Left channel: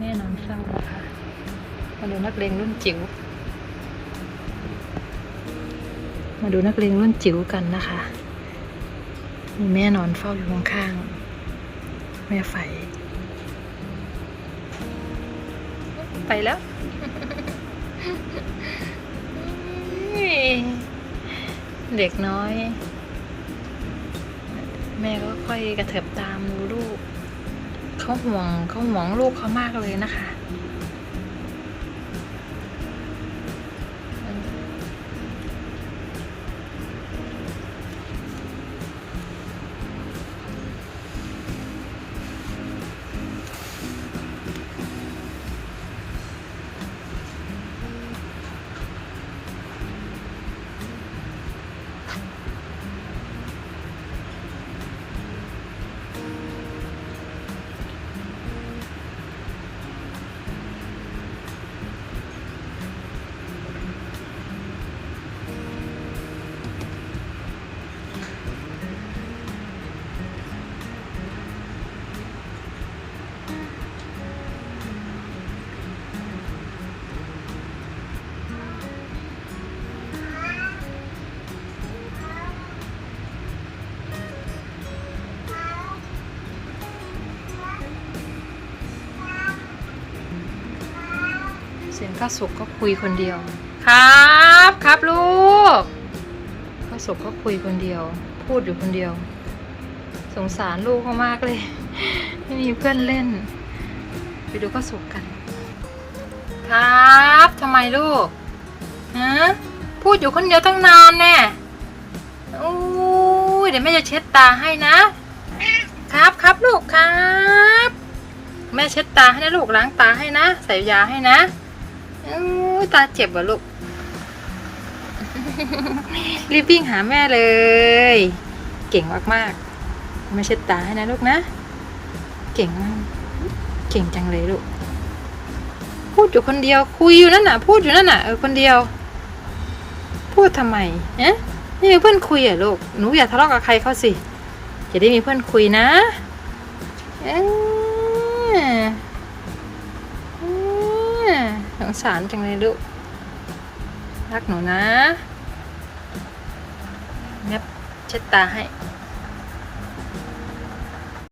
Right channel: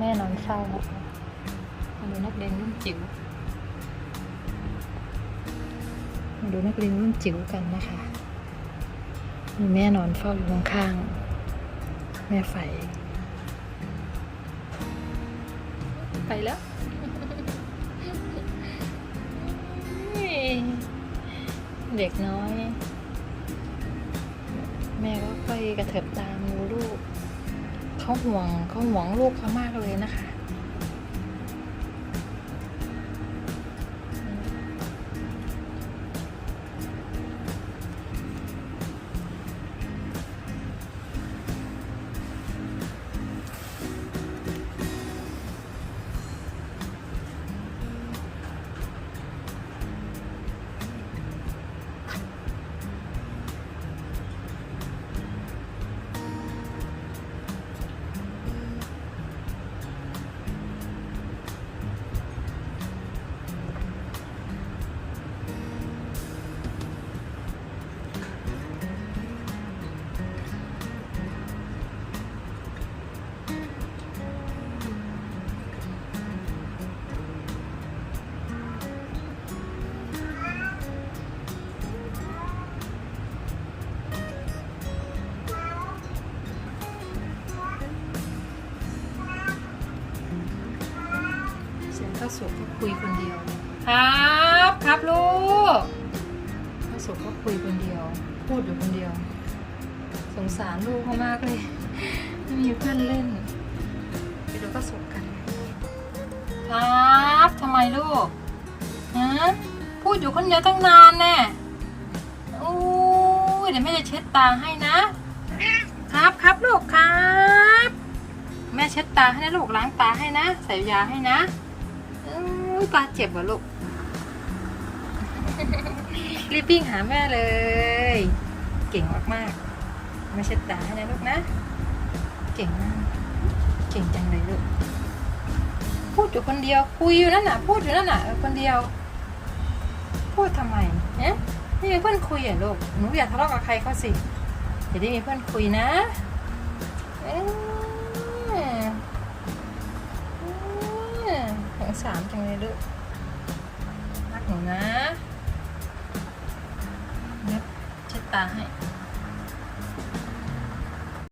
แน่นอนเข้านะคะมาดูนักเรียนรุ่นจิ๋ว มาดูนักเรียนรุ่นจิ๋วกันนะคะ มีแม่นอนเฝ้าอยู่ข้างๆแม่ไฟไปแล้วเด็กน้อย แม่ก็ค่อยกระเถิบตามดูลูก เขาห่วงเขาห่วงลูกเขามากเลยนะคะ เสียงข้าสุกก็คุยคนเดียว ครับครับลูกข้าสุกก็คุยคนเดียว พูดอยู่คนเดียว สงสารลูกเขามากเลย ไม่มีเพื่อนเล่น ไปดูข้าสุกกัน ครับทำไมลูกฮะพูดอยู่คนเดียวตั้งนานแน่อู้ยเดี๋ยวแม่จะเช็ดตาให้นะ ครับครับลูกครับ แม่เช็ดตาให้นะลูกล้างตาให้นะ ใส่ยาให้นะอู้ ตาเจ็บเหรอลูก รีบวิ่งหาแม่เลย เก่งมากๆแม่เช็ดตาให้นะลูกนะ เก่งมาก เก่งจังเลยลูก พูดอยู่คนเดียว คุยอยู่นั่นน่ะ พูดอยู่นั่นน่ะ เออคนเดียว พูดทำไมเอ๊ะไม่มีเพื่อนคุยอะลูก หนูอย่าทะเลาะกับใครเขาสิ จะได้มีเพื่อนคุยนะ เออ สารจังเลยลูก รักหนูนะเน็บเช็ดตาให้